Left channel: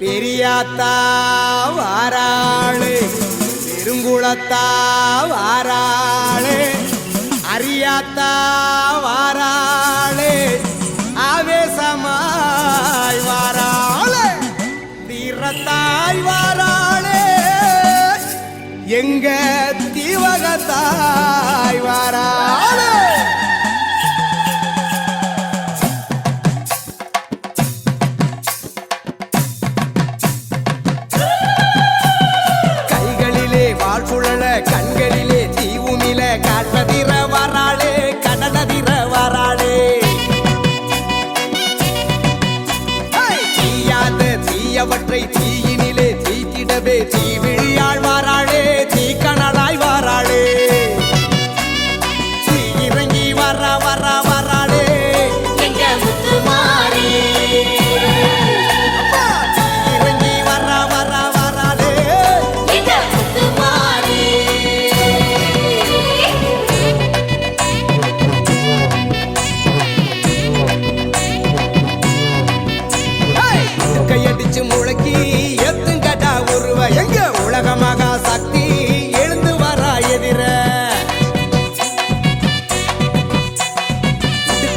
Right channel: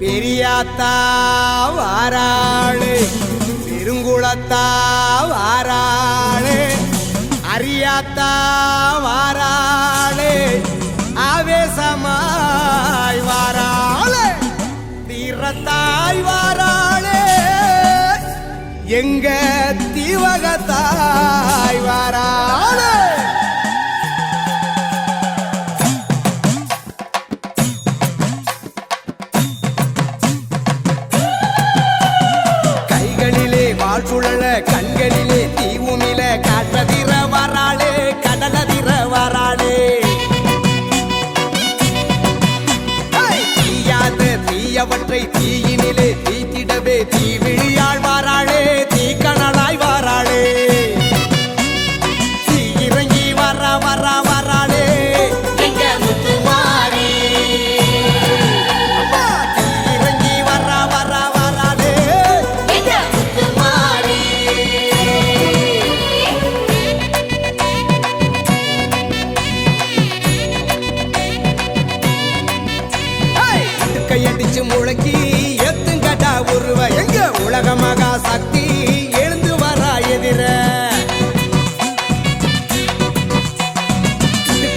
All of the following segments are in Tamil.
பெரியாத்தா வாராளு பெருங்குளத்தா வாராளு அரியாத்தா வாராளு ஆவேசமாய் வாராளு தீரத்தாய் வாராளு எங்க தீவகத்தாய் கைகளிலே கண்களிலே தீவுமில காற்றதிர வராளே கடலதிர வராளே. தீயாத தீயவற்றை தீயினிலே தீத்திடவே தீவிழியாள் வாராளே தீக்கணலாய் வாராளே. ஹேய்! கையடிச்சு முழக்கி எத்துங்கடா உருவ எங்க உலக மகா சக்தி? எழுந்து வரா எதிர.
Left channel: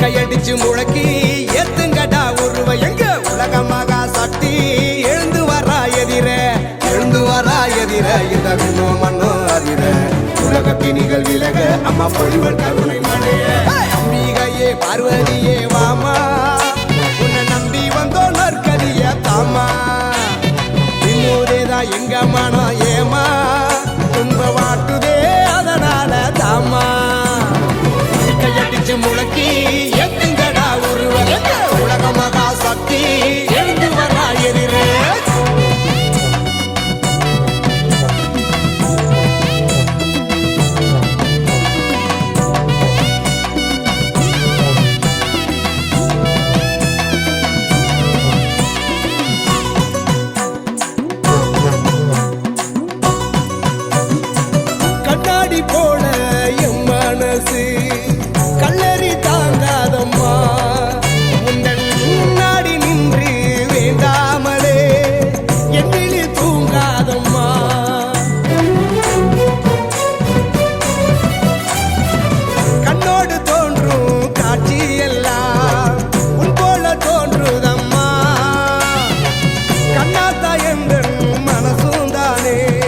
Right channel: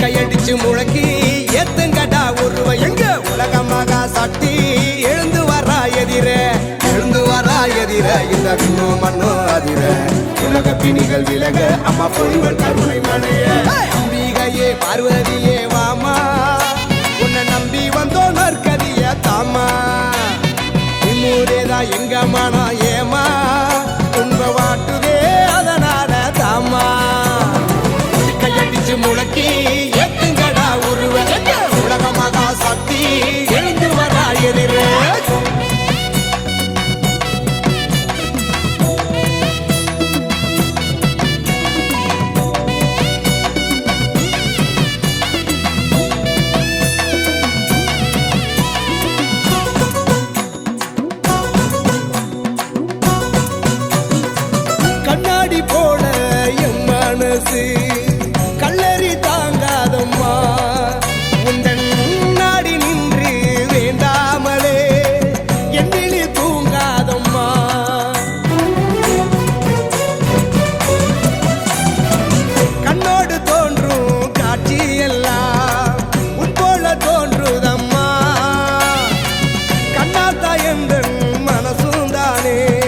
கையடிச்சு முழக்கி எத்துங்கடா உருவ எங்க உலக மகா சக்தி? எழுந்து வரா எதிர. எழுந்து வரா எதிர இந்த விண்ணோ மண்ணோ அதிர. உலக பிணிகள் விலக அம்மா பொழிவள் கருணை மழைய! அம்பிகையே பார்வதியே வாமா. உன்னை நம்பி வந்தோம் நற்கதிய தாமா இம்முதேதான் எங்க மனம் ஏமா துன்ப வாட்டுதே அதனால தாமா கையடிச்சு முழக்கி எத்துங்கடா உருவ. எங்க உலக மகா சக்தி எழுந்து வரா எதிரே. கண்ணாடி போல என் மனசு. கல்லறி தாங்காதம்மா. உந்தன் நாடி நின்று வேண்டாமலே. என்னிலி தூங்காதம்மா. கண்ணோடு தோன்றும் காட்சி எல்லாம் உன் போல தோன்றுதம்மா. கண்ணாத்தா எந்தன் மனசும் தானே.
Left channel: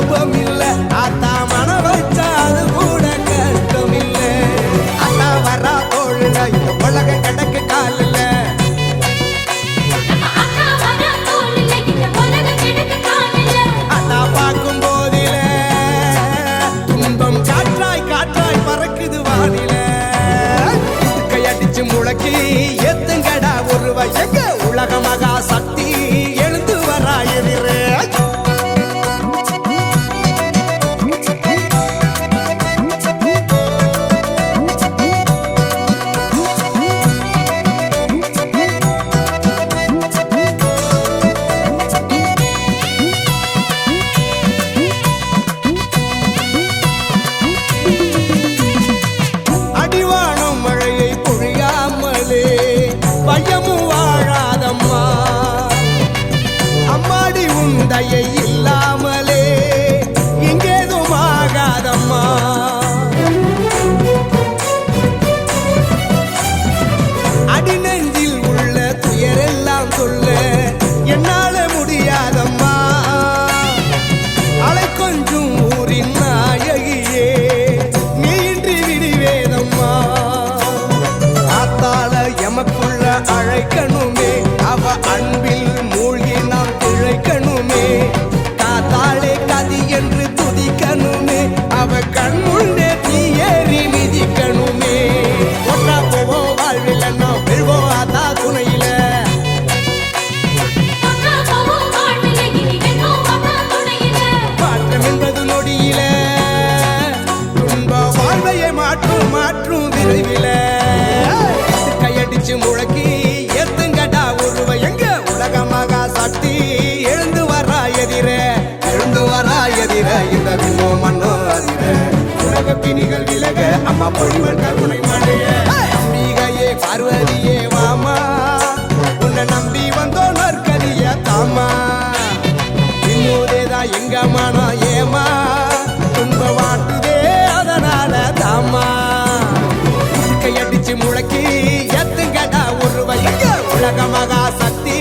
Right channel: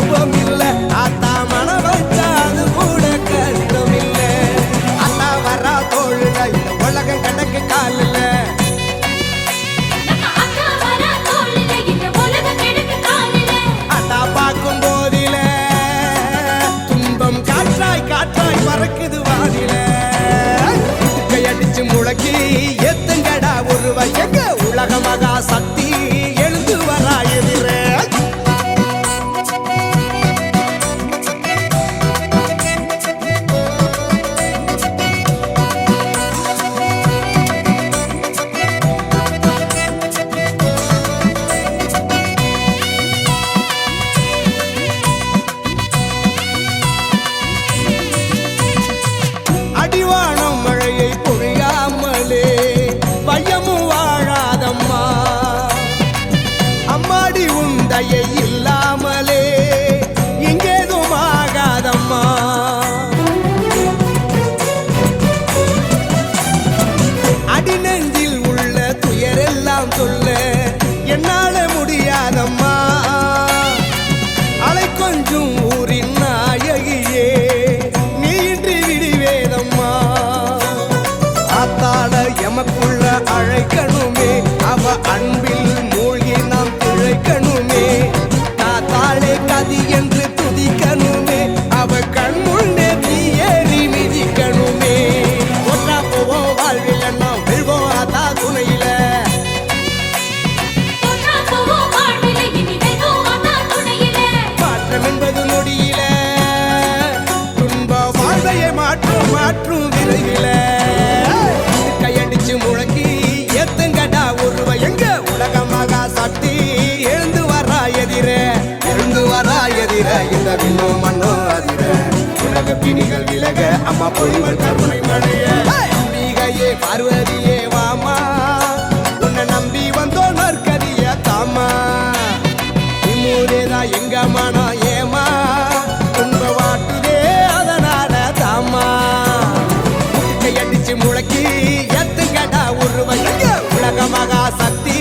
சுலபம் இல்லை ஆத்தா மன வச்சா அது கூட கஷ்டம் இல்லை அத்தா வரா தோழுல இந்த உலகம் கிடக்கு காலில். அத்தா பார்க்கும் போதில துன்பம் காற்றாய் காற்றாய் பறக்குது வானில. அடிச்சு முழக்கி எத்துங்கடா ஒருவ எங்க உலக மகா சக்தி உந்தையை இல்லாமலே இங்கேதும் ஆகாதம்மா. அடிநெஞ்சில் உள்ள துயரெல்லாம் சொல்ல என்னால முடியாதம்மா. அலை கொஞ்சம் ஊரின் நாயகியே நீ இன்றி விடிவேதம்மா. ஆத்தாள எமக்குள்ள அழைக்கணுமே அவ அன்பில் மூழ்கி அவ கண் முன்னே தீ ஏறி மிதிக்கணுமே. ஒற்றா போவோம் வாழ்வில் நாம் ஆத்தா வெல்வோம் அக்கா துணையில. மாற்றம் என்பது நொடியில. துன்ப வாழ்வையை மாற்றும் மாற்றும் விரைவில. கையடிச்சு முழக்கி எத்துங்கடா இந்த விண்ணும் மண்ணும் அதிர. உலக பிணிகள் விலக அம்மா பொழிவள் கருணை மழைய. அம்பிகையே பார்வதியே வாமா. உன்னை நம்பி வந்தோம் நற்கதிய தாமா. நிம்மூதேதான் எங்க மனம் ஏமா. துன்ப வாட்டுதே அதனால தாமா. முட்டுக்கை அடிச்சு முழக்கி எத்துங்கடா உருவ. உலக மகா சக்தி